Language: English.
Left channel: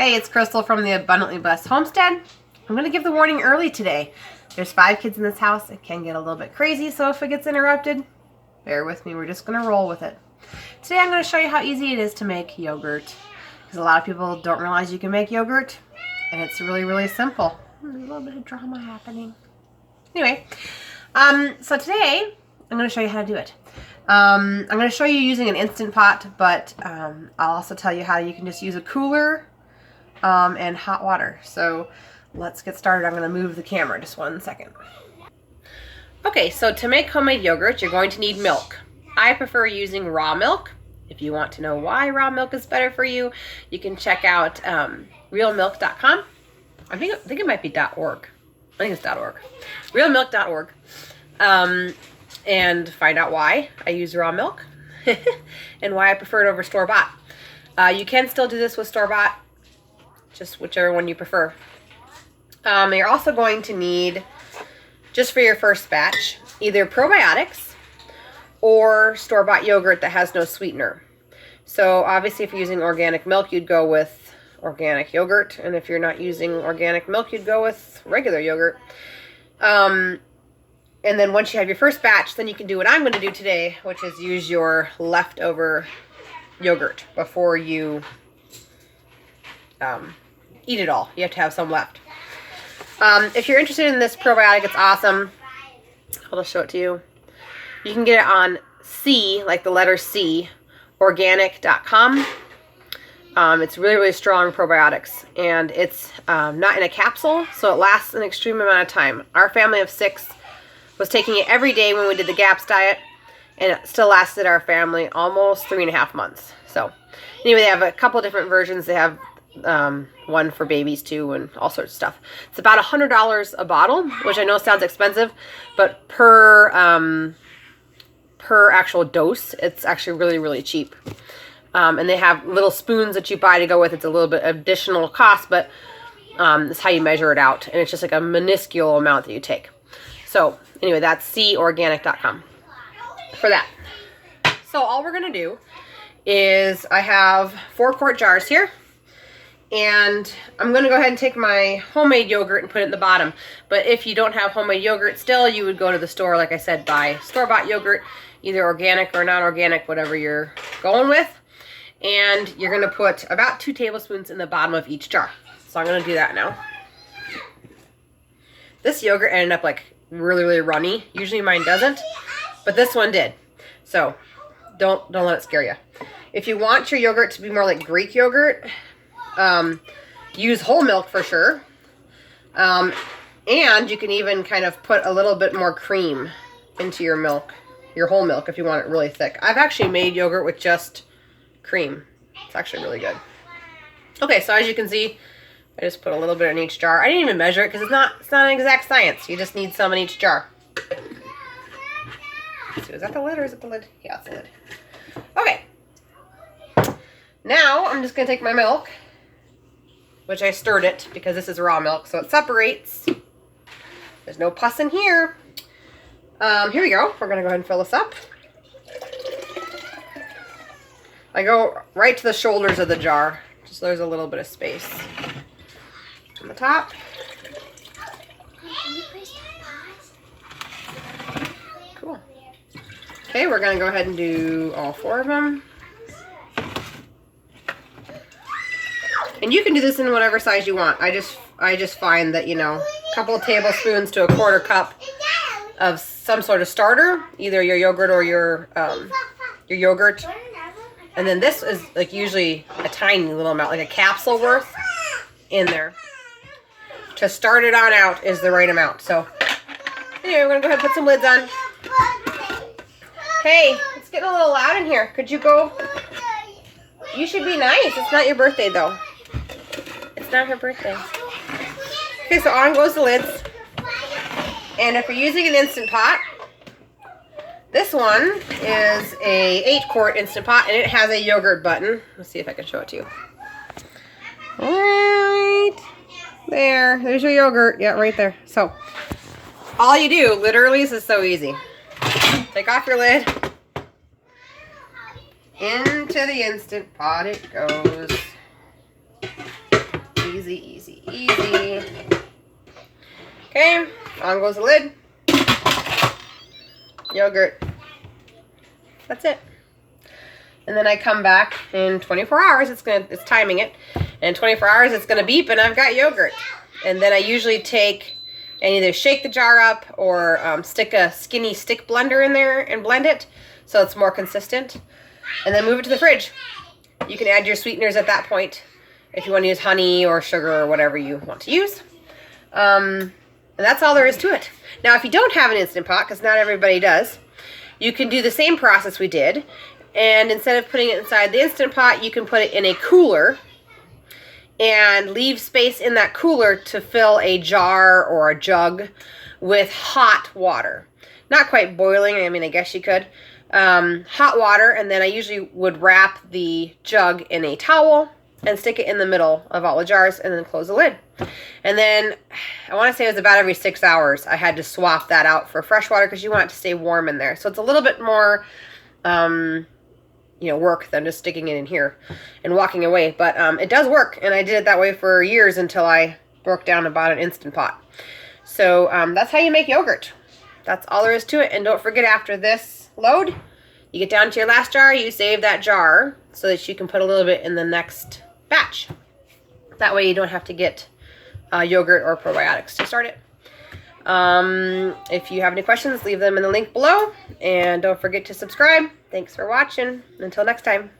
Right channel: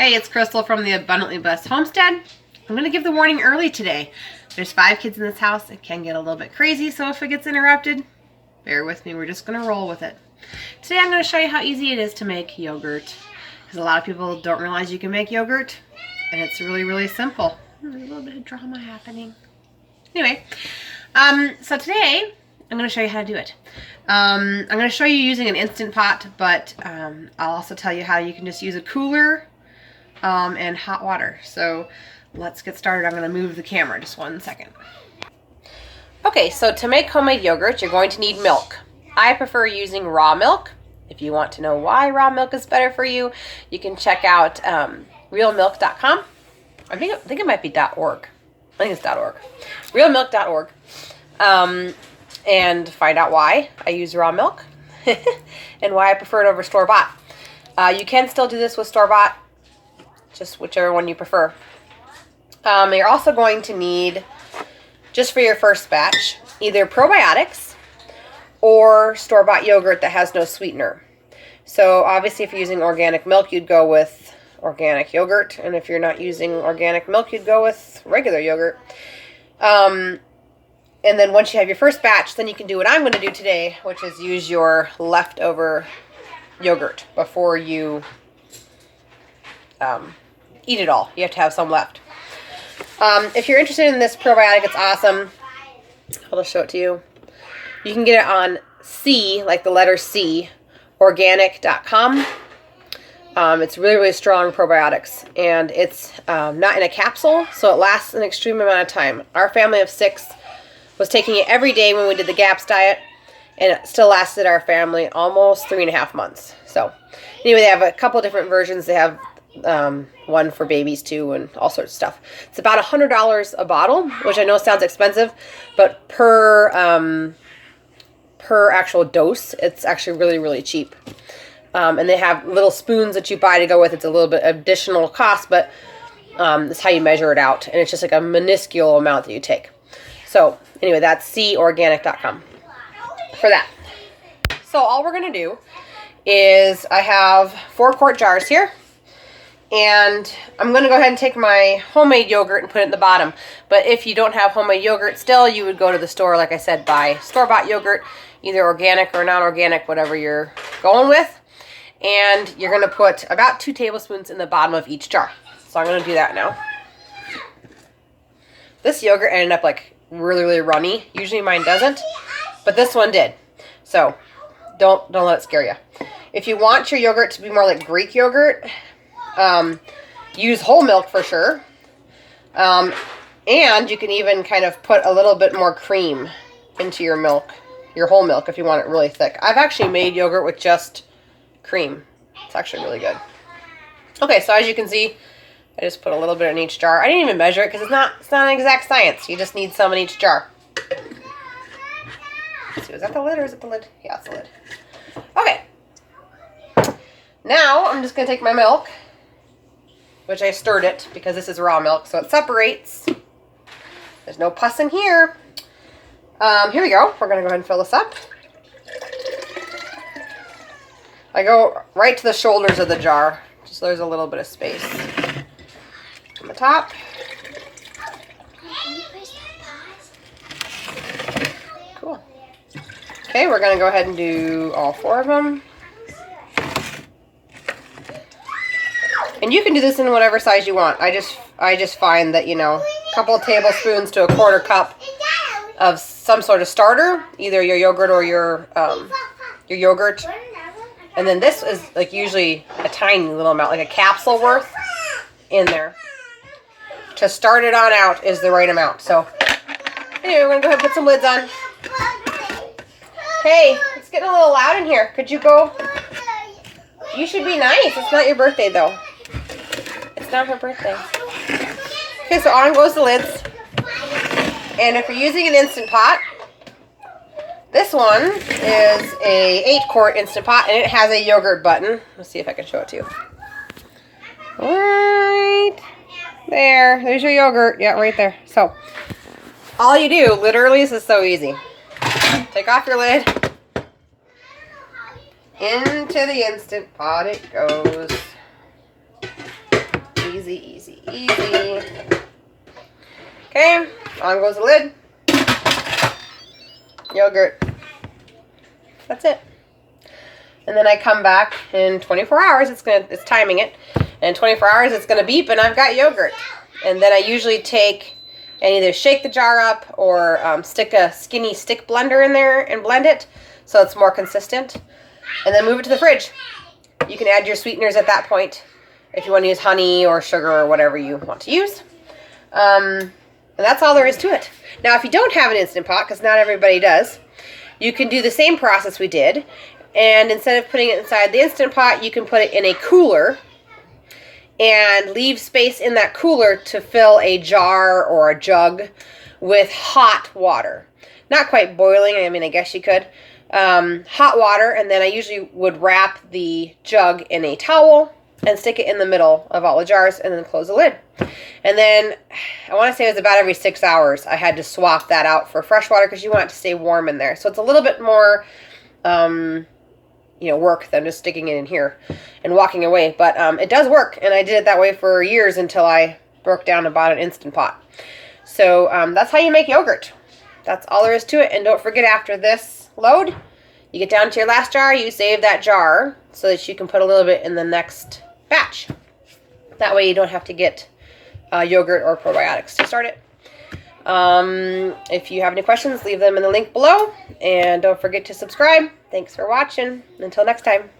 Hey, it's Crystal from the Abundantly Blessed Homestead. I'm going to give the warning early today. There's 5 kids in this house. It can get a little bit crazy, so if it gets interrupted, bear with me. We're just going to roll with it. Today I'm going to show you how easy it is to make yogurt. Because a lot of people don't realize you can make yogurt, and it's really, really simple. There's a little bit of drama happening. Anyway, so today I'm going to show you how to do it. I'm going to show you using an Instant Pot, but I'll also tell you how you can just use a cooler and hot water. So let's get started. I'm going to move the camera just 1 second. Okay, so to make homemade yogurt, you're going to need milk. I prefer using raw milk. If you want to know why raw milk is better for you, you can check out realmilk.com. I think it might be .org. I think it's .org. Realmilk.org. And find out why I use raw milk and why I prefer it over store-bought. You can still do this with store-bought, just whichever one you prefer. You're also going to need, just for your first batch, either probiotics or store-bought yogurt that has no sweetener. So obviously if you're using organic milk, you'd go with organic yogurt. And if you're not using organic milk, you'd go with regular yogurt. And then once you have your first batch, then you can do what I'm going to do today, which is use your leftover yogurt before you eat it all. You have to have some left. If you're interested in this probiotic, it's awesome. I'll just show it to you. You can get it on C, like the letter C, organic.com. It's really, really strong probiotics, and it's not in a capsule, so it lasts an extreme amount of time. Our family of 6 was taking it every day when we did the GAPS diet, and it still lasted our family almost 3.5 months. So anyway, they have a couple different versions. They have one for babies too, and all sorts of stuff. It's about $100 a bottle, which I know sounds expensive, but per actual dose, it's actually really, really cheap. And they have little spoons that you buy to go with. It's a little bit additional cost, but it's how you measure it out, and it's just like a minuscule amount that you take. So anyway, that's corganic.com for that. So all we're going to do is I have 4-quart jars here. And I'm going to go ahead and take my homemade yogurt and put it in the bottom. But if you don't have homemade yogurt still, you would go to the store, like I said, buy store-bought yogurt, either organic or non-organic, whatever you're going with. And you're going to put about 2 tablespoons in the bottom of each jar. So I'm going to do that now. This yogurt ended up like really, really runny. Usually mine doesn't, but this one did. So don't let it scare you. If you want your yogurt to be more like Greek yogurt, use whole milk for sure. And you can even kind of put a little bit more cream into your milk, your whole milk, if you want it really thick. I've actually made yogurt with just cream. It's actually really good. Okay, so as you can see, I just put a little bit in each jar. I didn't even measure it because it's not an exact science. You just need some in each jar. So is that the lid or is it the lid? Yeah, it's the lid. Okay. Now I'm just going to take my milk, which I stirred it because this is raw milk, so it separates. There's no pus in here. Here we go. We're going to go ahead and fill this up. I go right to the shoulders of the jar, just so there's a little bit of space on the top. Cool. Okay, we're going to go ahead and do all 4 of them. And you can do this in whatever size you want. I just find that, you know, a couple of tablespoons to a 1/4 cup of some sort of starter, either your yogurt or your yogurt. And then this is like usually a tiny little amount, like a capsule worth in there. To start it on out is the right amount. So anyway, we're going to go ahead and put some lids on. Hey, it's getting a little loud in here. Could you go? You should be nice. It's not your birthday though. It's not her birthday. Okay, so on goes the lids. And if you're using an Instant Pot, this one is a 8-quart Instant Pot, and it has a yogurt button. Let's see if I can show it to you. Right there. There's your yogurt. Yeah, right there. So all you do, literally, this is so easy. Take off your lid. Into the Instant Pot it goes. Okay, on goes the lid. Yogurt. That's it. And then I come back in 24 hours. It's timing it. And in 24 hours, it's gonna beep, and I've got yogurt. And then I usually take and either shake the jar up or stick a skinny stick blender in there and blend it so it's more consistent. And then move it to the fridge. You can add your sweeteners at that point if you want to use honey or sugar or whatever you want to use. And that's all there is to it. Now, if you don't have an Instant Pot, because not everybody does, you can do the same process we did. And instead of putting it inside the Instant Pot, you can put it in a cooler and leave space in that cooler to fill a jar or a jug with hot water. Not quite boiling, I mean, I guess you could. Hot water, and then I usually would wrap the jug in a towel and stick it in the middle of all the jars and then close the lid. And then, I want to say it was about every 6 hours, I had to swap that out for fresh water because you want it to stay warm in there. So it's a little bit more, work than just sticking it in here and walking away. But it does work, and I did it that way for years until I broke down and bought an Instant Pot. So that's how you make yogurt. That's all there is to it. And don't forget, after this load, you get down to your last jar, you save that jar so that you can put a little bit in the next batch. That way you don't have to get yogurt or probiotics to start it. If you have any questions, leave them in the link below. And don't forget to subscribe. Thanks for watching. Until next time.